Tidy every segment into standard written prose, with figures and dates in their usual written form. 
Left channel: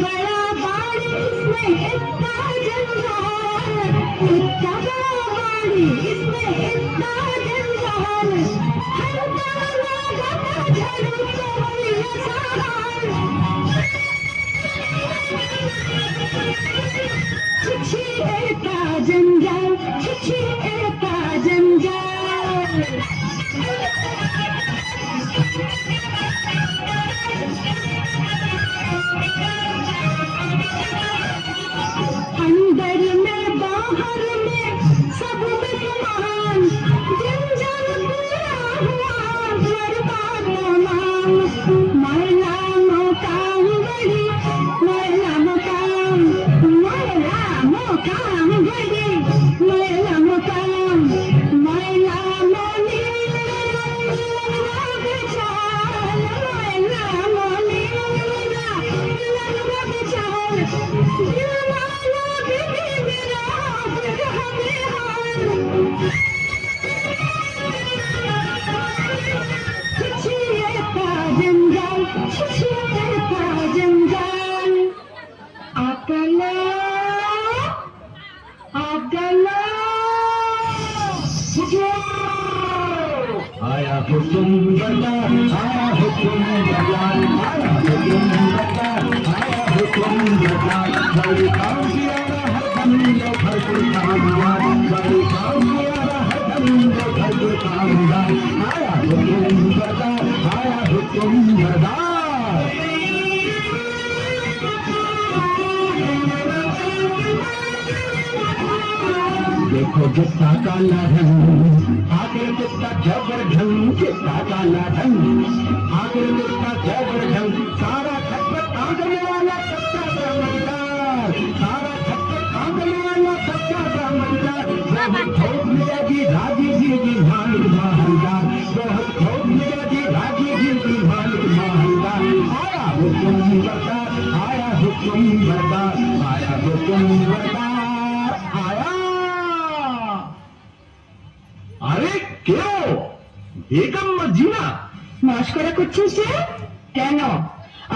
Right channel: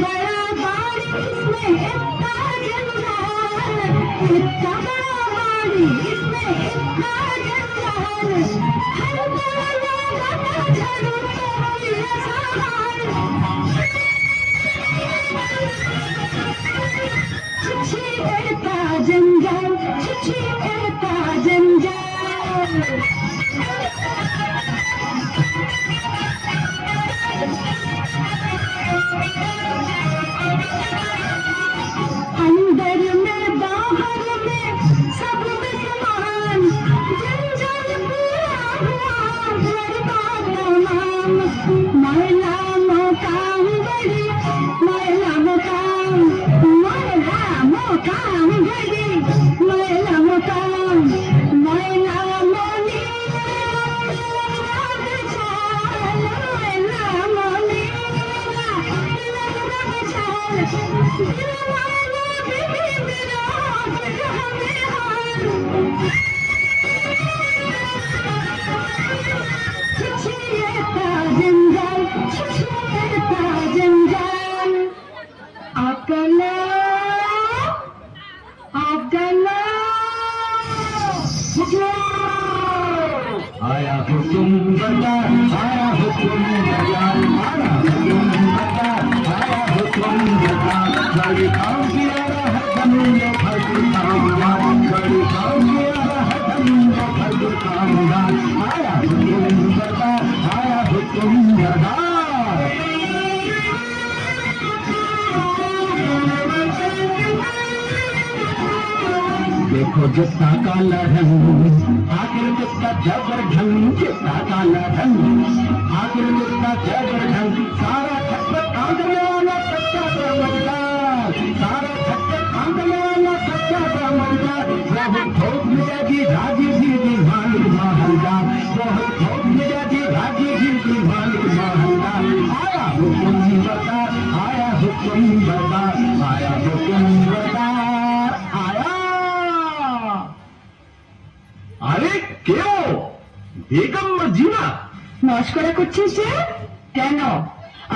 बड़ा बाड़ी इसमें इतना जंजाल, इतना बड़ा बाड़ी इसमें इतना जंजाल, हल्का लगा झाड़ू तो ये सवाल। छिछी इतना जंजाल, छिछी इतना जंजाल। अंदर में बाहर में सब में समान, जंजाल पूरा हुआ बर्बाद तमाम। मैला मोकाम बड़ी, मैला मोकाम, मैला मोकाम बड़ी, मैला मोकाम, मैला मोनी चाल, मैला मोनी चाल, दिलवाला भी मेरा छिछिएता जंजाल, छिछिएता जंजाल। अकला अकला आया हुकुम बता, आया हुकुम बता, आया हुकुम बता, आया हुकुम बता। बड़ी काम किया है हमने भरपूर कामयाब, बड़ी काम किया है हमने भरपूर कामयाब। आया हुकुम बता, आया हुकुम बता। देखो जितना काला रंग, आखिर कितना जबरदस्त, जितना काला रंग, आखिर कितना जबरदस्त। सारा छक्कर आंगन वाला कच्चा समझदार, सारा छक्कर आंगन वाला कच्चा समझदार। बहुत ठोक मिलेगी धागी जी की मालिक महंगार, बहुत ठोक मिलेगी धागी जी की मालिक महंगार। आया हुकुम बता, आया हुकुम बता, आया हुकुम बता, आया। আরে কেউ বেগম মর্জিনা মস্করা করছিস যে? কেন,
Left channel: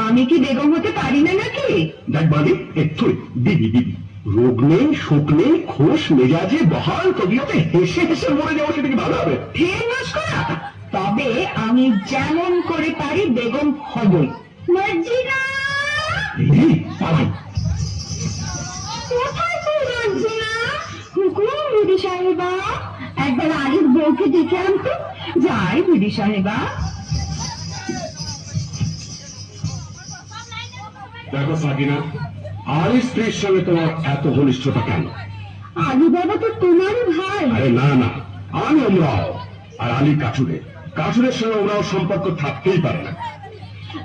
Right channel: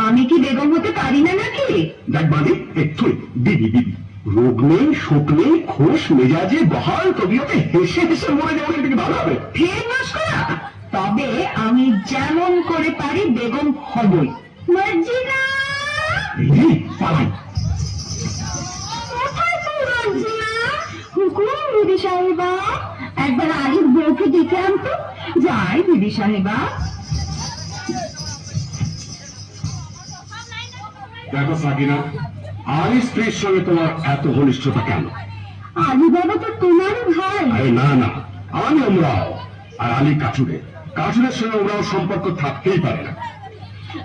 আমি কি বেগম হতে পারি না নাকি? দেখ বাদি একটু দিদি দিদি রোগ নেই শোক নেই খোশ মেজাজে বহাল কবিয়তে হেসে হেসে মরে যাওয়া এটা কি ভালো হবে? ফের মস্করা? তবে আমি যেমন করে পারি বেগম হবই। মর্জিনা, এই পালাই কোথায় তুই মর্জিনা? হুকুম দিদি সাহেবা, একবার আগে বউকে ডেকে আনতো। যাই দিদি সাহেবা। দেখো সাকিনা, আলী স্ত্রীর সঙ্গে তোমার এত ঘনিষ্ঠতা কেন? আলী বাবা তো তোমারও ভাই। আরে না না, আমি ওমরাও আর আলী কাচুরে, কাচুরের সঙ্গে ওমরাও সম্পর্ক থাকতেই পারে না।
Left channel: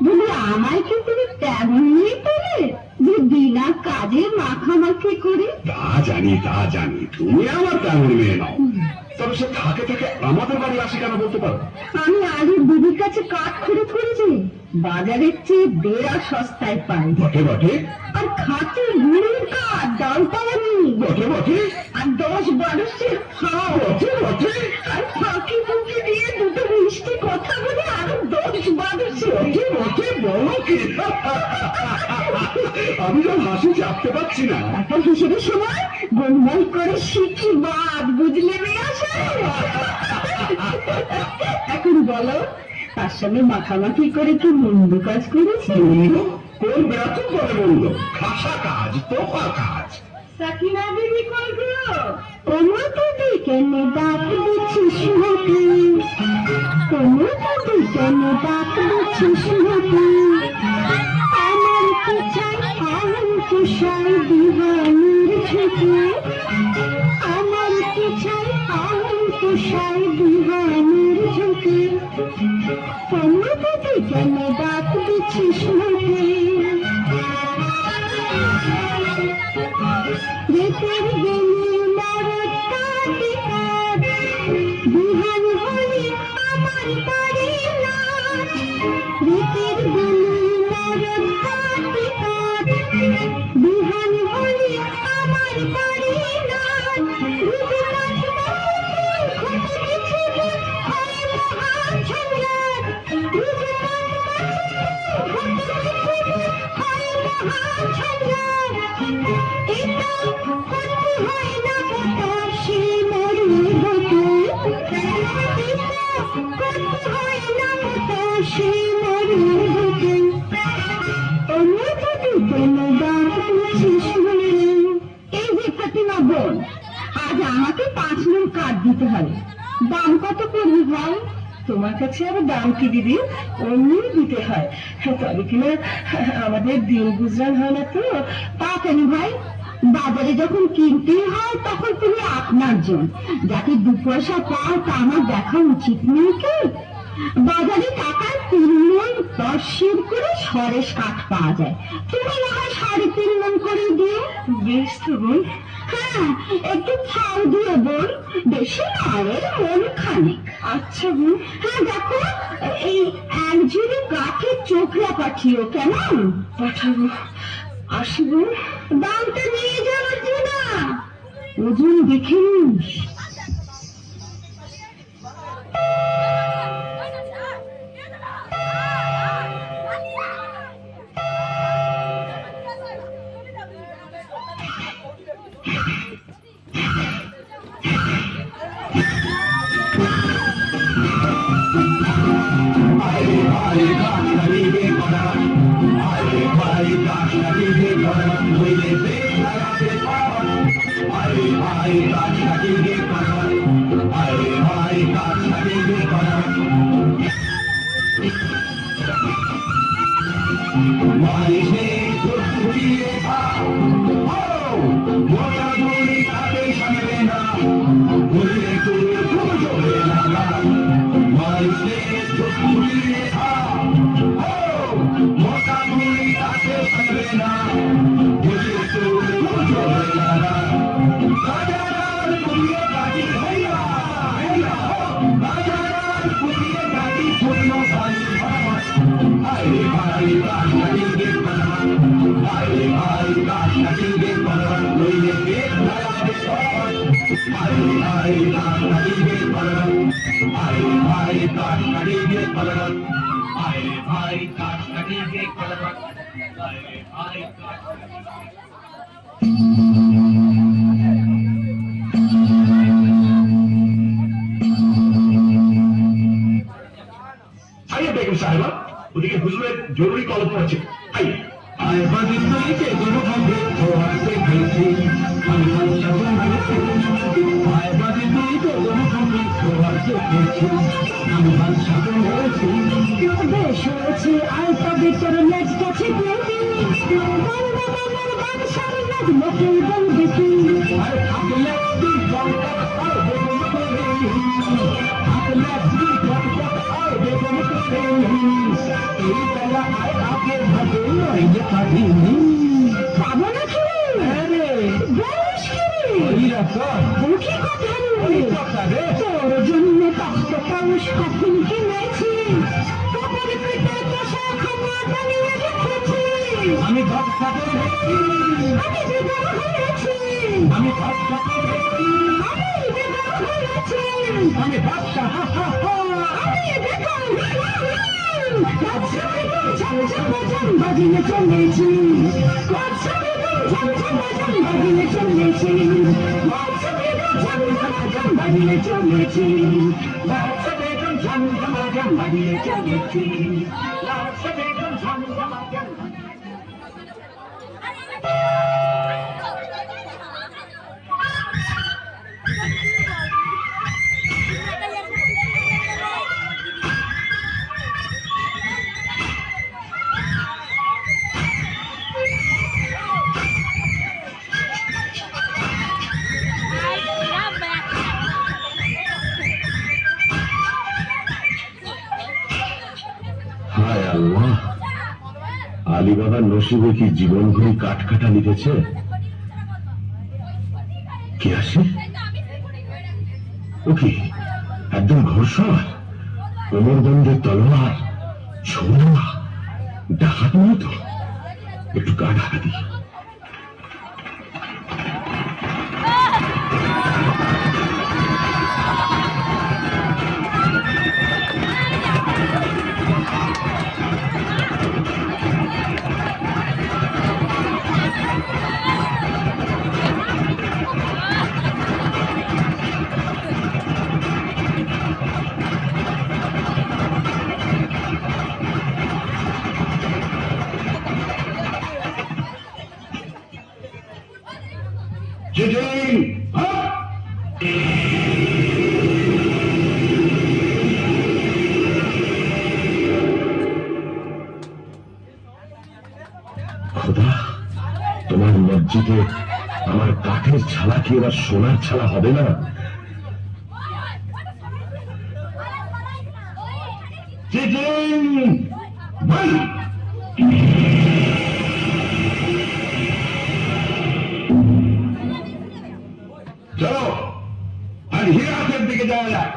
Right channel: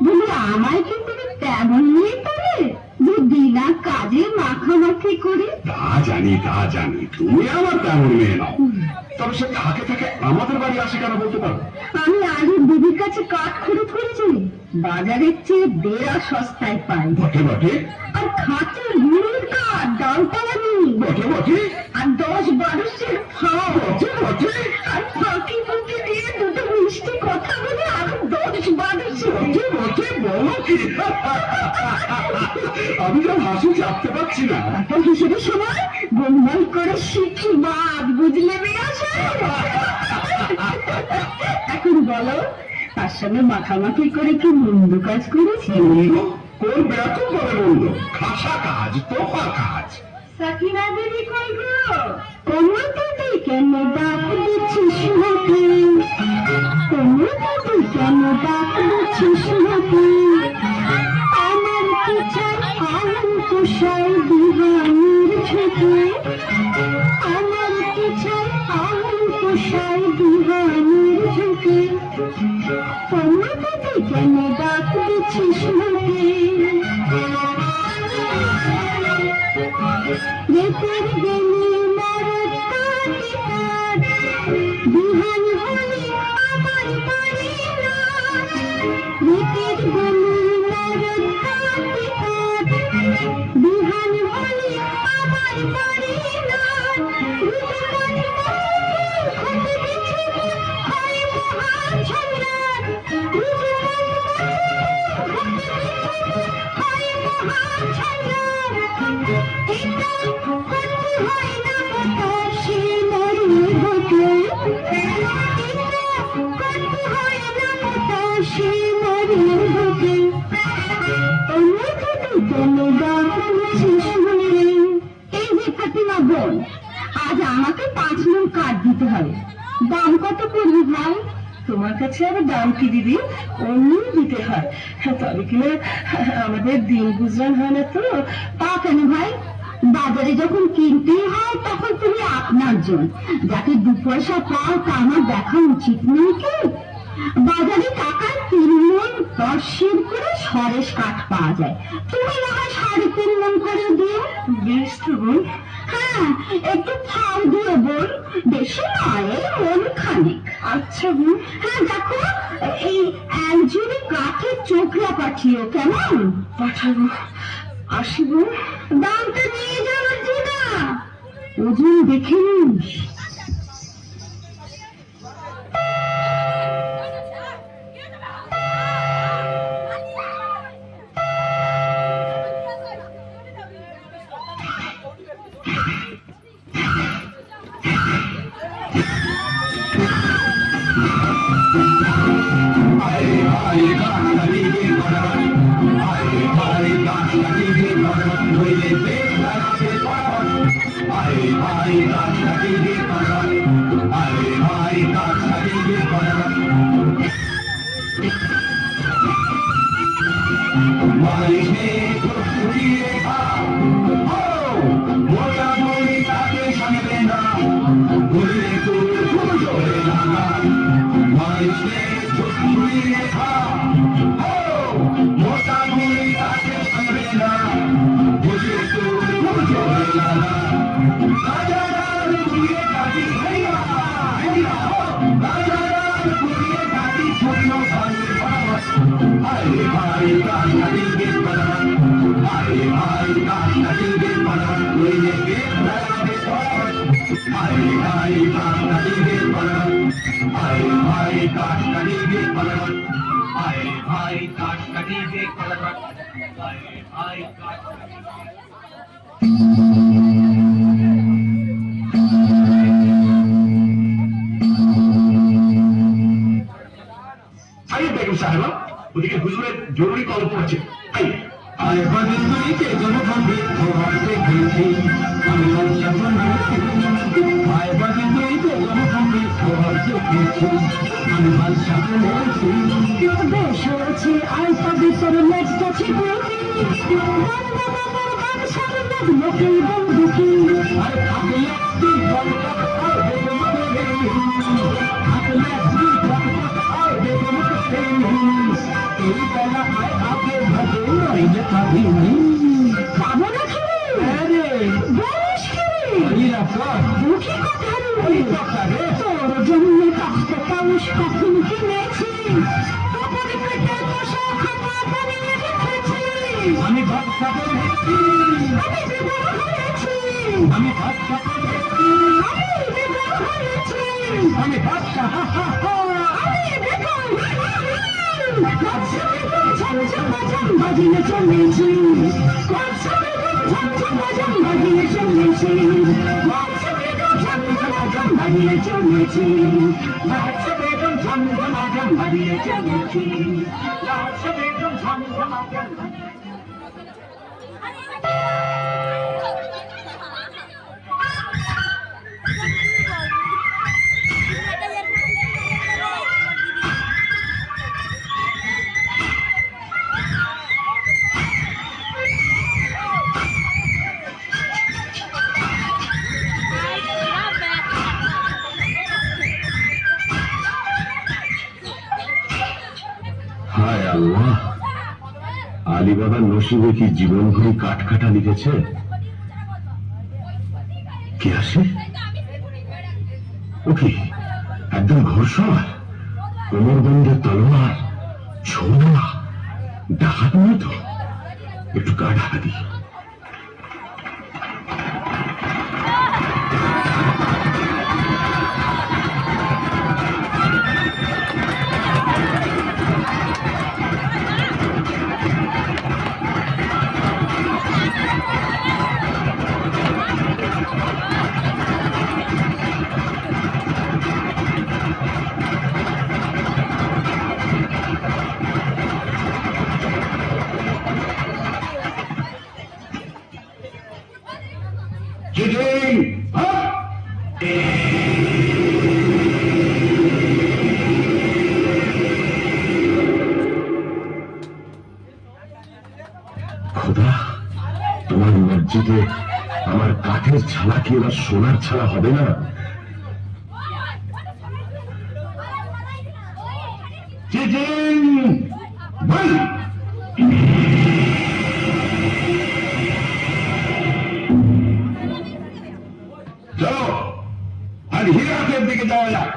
বলি আমায় কি তুমি তেমন নিয়ে তোলে যে বিনা কাজে মাখামাখি করি? তা জানি তুমি আমার তেমন মেয়ে নাও, তবে সে থাকে থাকে আমাদের বাড়ি আসে কেন বলতে পারো? আমি আগে দিদির কাছে কাঠ খরচ করেছি, বাজারের চেয়ে দেড়া সস্তায় পাই। বটে বটে আর খাঁটি গুড়ের কাঠ দরকার আমি। বটে বটে আর 10-12 খাও। বটে বটে আর ফাঁকি ফুঁকি দিয়ে দুটো মিষ্টি কথা বলে আরো 10-12। বটে বটে বলো কি? আমি যা হাসি চাপতে পারছি না। এখন হিসেবে সময় গোলমাল করে শিখি বাদ, বুঝলে মেয়ে আসে। এখন বলো, তার সঙ্গে মাখামাখি করে কি মন্দ কাজ করেছি? কোন বেতন করে বললো? খাসা কাজ, তোফা কাজ। সাকিনা দিদি কই গো? তোমার দিদি কেন ডাক দিচ্ছিস নাকি? তোমার দিদি কেন ডাক দিচ্ছিস নাকি? আমার কি চাই আলম কুশাই দিহানির ঝুঁকি, আমার কি চাই আলম কুশাই দিহানির ঝুঁকি। তোমার দিদি কেন ডাক দিচ্ছিস নাকি? রেতের গেলি মরদ কাটি কাট, বিহান হলি আমার বাড়ি না। রেতের গেলি মরদ কাটি কাট, বিহান হলি আমার বাড়ি না। ঝগড়া কাঠ দিতে হবে। দাম কত পড়বে ভাই? তোমার কাছে আবার দাম কি দিদি, অমনি দিতে হয়, তবে কিনা আমাদের দিন গুজরান হয় না তো। তা কেন ভাই, বাজারে যখন কিনতেই হয় তখন তুমি আপনার জন, যাকে দু পয়সা পাও তা আমার দেখা উচিত নেই কি? বাজারে টাকার 3 মণ 10 করে সরেস কাঠ পাওয়া যায়, তুমি না হয় 3.5 মণ করে দিও। বেশ তো বোন। হ্যাঁ, একটু ফাউ দিয়ে বোন, বেশি নয়, মন খানিক। আচ্ছা বোন। হ্যাঁ দেখো, এই একজনে কাঠের চোখলা পাঠিও, কেমন? পাঠাবো। আসি বোন। দামটা নিয়ে যাওয়ার না, ওজন দেখে নিস। বেগম সাহেবা, ওদিকে হুজুরের জরুরি তলব পড়ছে। বেশ হয়েছে, আলতা ভিতরে লেজটা ছিপে লোকের বন্ধুকি তোর জন্য কষ্ট পাউস কখন কিনেছি, আমি ভক্ত আমি বাচ্চা বাজিয়ে চলেছি, বাজিয়ে চলেছি, বাজিয়ে চলেছি, বাজিয়ে চলেছি। হায় আল্লাহ, আলিবাবার নসিবে কি জীবন ঘুরি কাঠ কাটা লিখেছে। কে আসে? ও কি একদম ঘোষণা, কোমরবন্ধের তলোয়ার, ছোড়া, ডাকাত মতো। একটু গা ঢাকা দিই। Jijing! Up! খোদা, তোমার মসজিদে আমার কাঠের ছালা কি এবার সোনার ছালা হবে না? চলো আর হিরাতের দিকে যাওয়া যায়।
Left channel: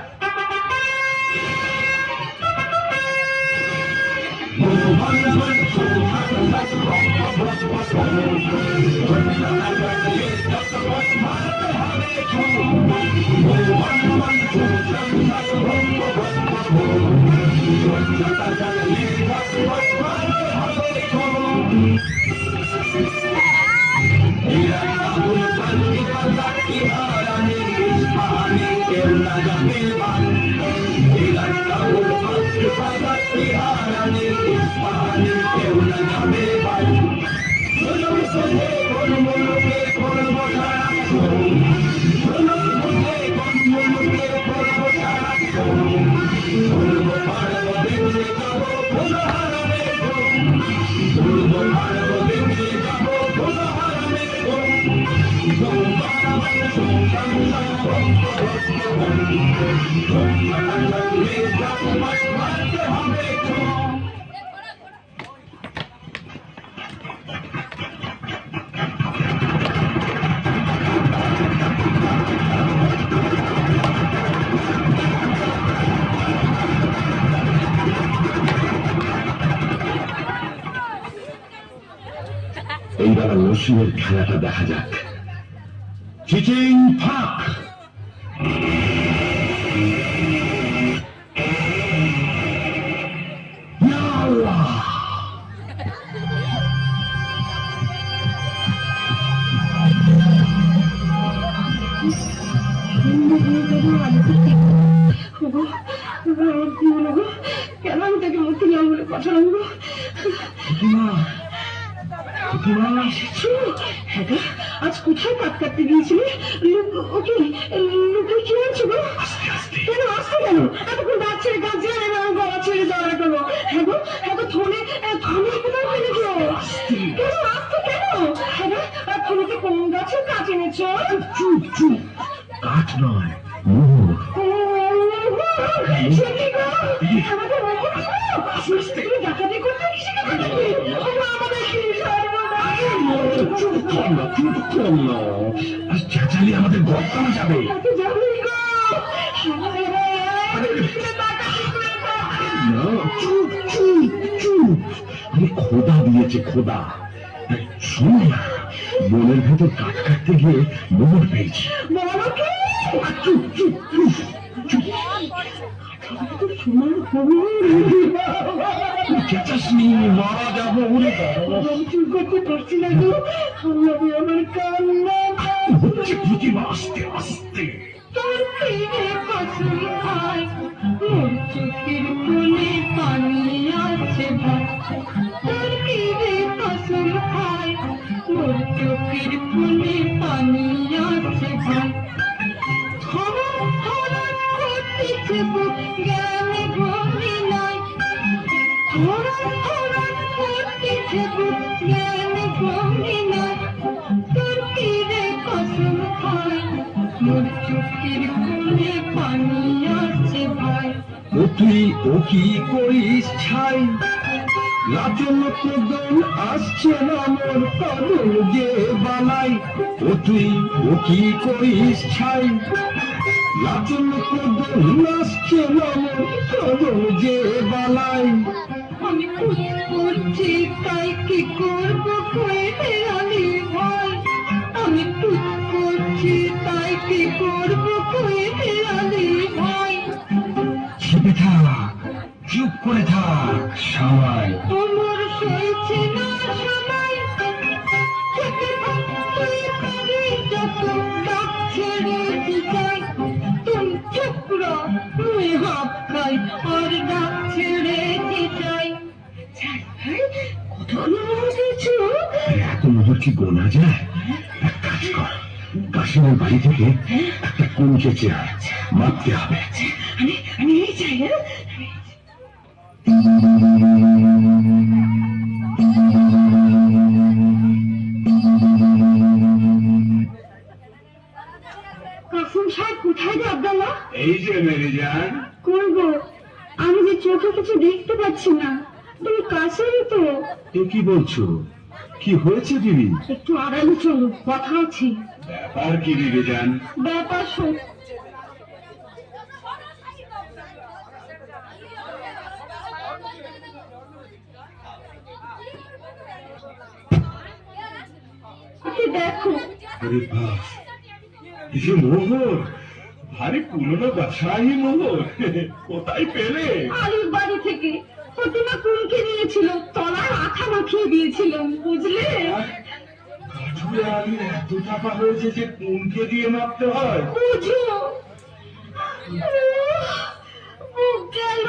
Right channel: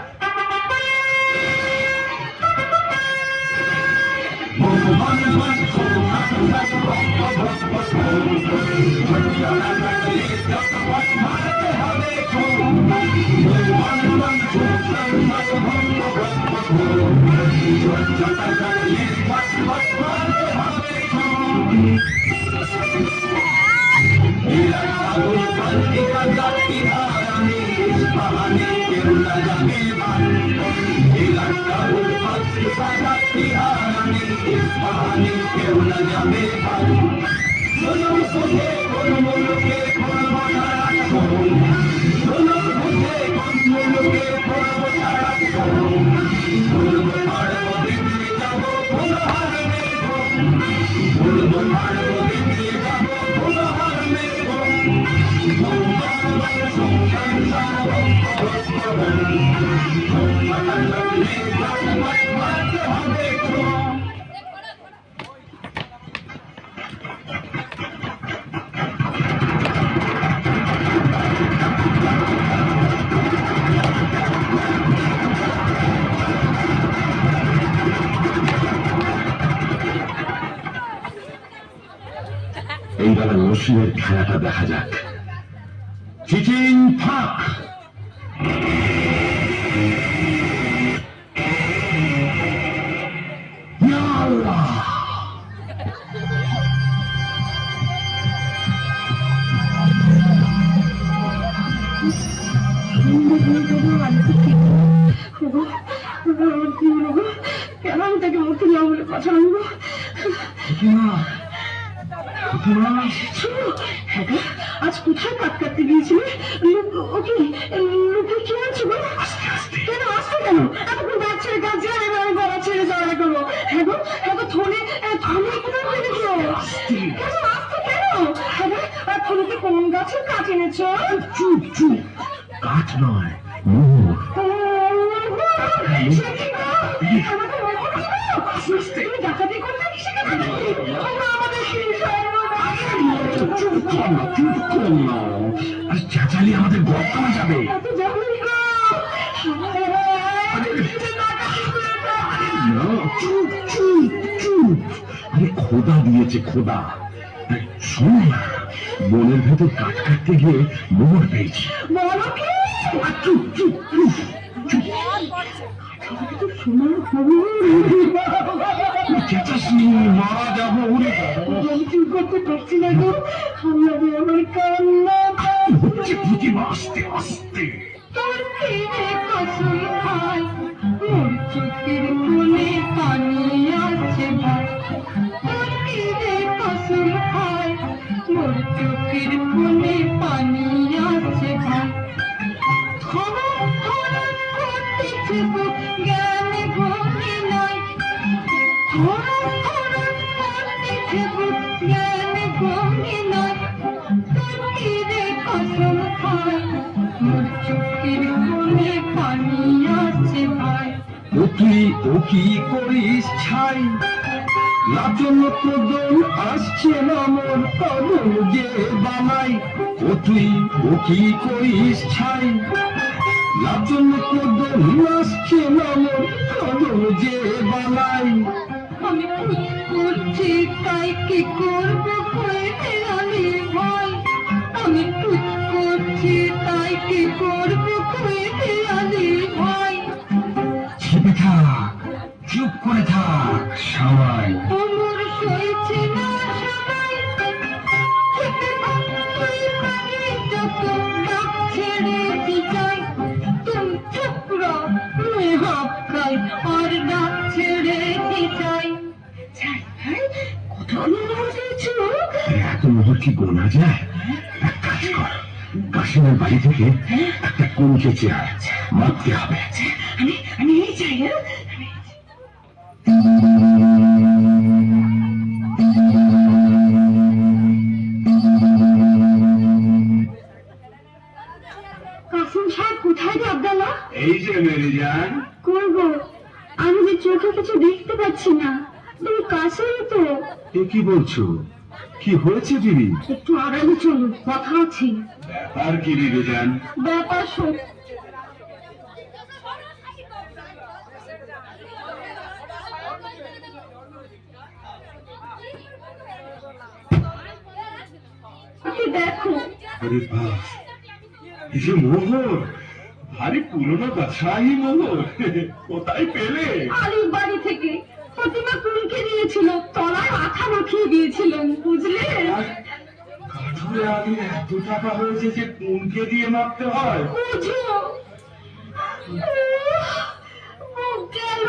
এইবার নসিমের খেলাটা দেখা যাক। চিচিং ফাক, ইয়া আল্লাহ। কেন আমি তাকে মুক্তি দিলাম বলে পাঠালাম? আজ কোথায় কাট কাটতে গিয়েছিলে? ওকে লোকে কি হচ্ছে গো? কেন আসতে কেন? এতক্ষণ গাছ ছেড়ে গাছ ছেড়ে আমি গলা ছেড়ে ঝগড়া করবো? হ্যাঁ গো, হ্যাঁ গো, থলে কোথাও ফেলে গো? কেন আসতে কেন? হ্যাঁ গো, আর থলেতে কোন গাছের কাজ এনেছো? চুপ চুপ, কাঠ নয়, মোহর। ডাকাতি করতে এসে গেছে আর চেঁচালি আমাদের গল্প যাবে। চুপ চুপ চুপ, আমি খোদা দিয়েছে খোদা। শোনো না, বনের ভেতর কাঠ কাটতে গিয়ে মোহর পেয়েছি। চুপ চুপ চুপ চুপ, চেঁচাসনি, মারা যাবো। চুপ করতে পারছি না গো, আমি আমার কান্না হচ্ছে কি আস্তে আস্তে। তোর ফিরে কসম খাই, মোর চোখের কোণে পানি আছে ভাই। তোর ফিরে কসম খাই, মোর চোখের কোণে পানি আছে ভাই। ধরন ধরন করতেছে বুক, জ্ঞানে ঘুমে নাই। ধরন ধরন করতেছে বুক, জ্ঞানে ঘুমে নাই। তোর ফিরে কসম খাই, মোর চোখের কোণে পানি আছে ভাই। ও কি করিস ছাই, লাচন প্রদন আসছে আমার কবল যে বালাই। ও কি করিস ছাই, লাচন প্রদন আসছে আমার কবল যে বালাই। আমি খুব করছি তাই কি করবো কয়ে আলি ভাই। আমি খুব করছি তাই কি করবো কয়ে আলি ভাই। চেপে থাক, চুপ করে থাক সবাই। আমার সইছে না সবাই, যত ডাক ছেড়ে দিতাই। তুম চুপরা মুই হাফকাই, আর ডাক ছেড়ে দিতাই। কত অনুভব হয়েছে? এত মোহর কি গোনা যায়? এক কাজ কর, কাশিমের বাড়ি থেকে একটা কুঞ্চে চেয়ার মারতে হবে। আমি এই চাই। হ্যাঁ রে আব্দুল্লাহ, এই যে মেরি জান, করবো। আমি যে চোখে কিছু দেখতে পাচ্ছি না, তুমি কাছেই তো। এ কি বলছো? কি হয়েছে দিদি? একটু আগামী চলো, কথা আছে। ব্যাপার কি দিদি জান? ব্যাপার শোন। এই দেখো, আরে বাহ, এই যে মোহর, ভারী পুরনো ব্যবসায়ী মোহর, কোথায় পেলে? আলির বাড়ি থেকে প্রতিমা কুলকে নিয়েছিল, তলায় আঠা মাখিয়ে দিয়েছিলাম, বুঝলে? কাঠুরে আগে এত টাকা হয়েছে যে কোনকে দিয়ে মাপতে হয়? বুঝো, মুখ গেল।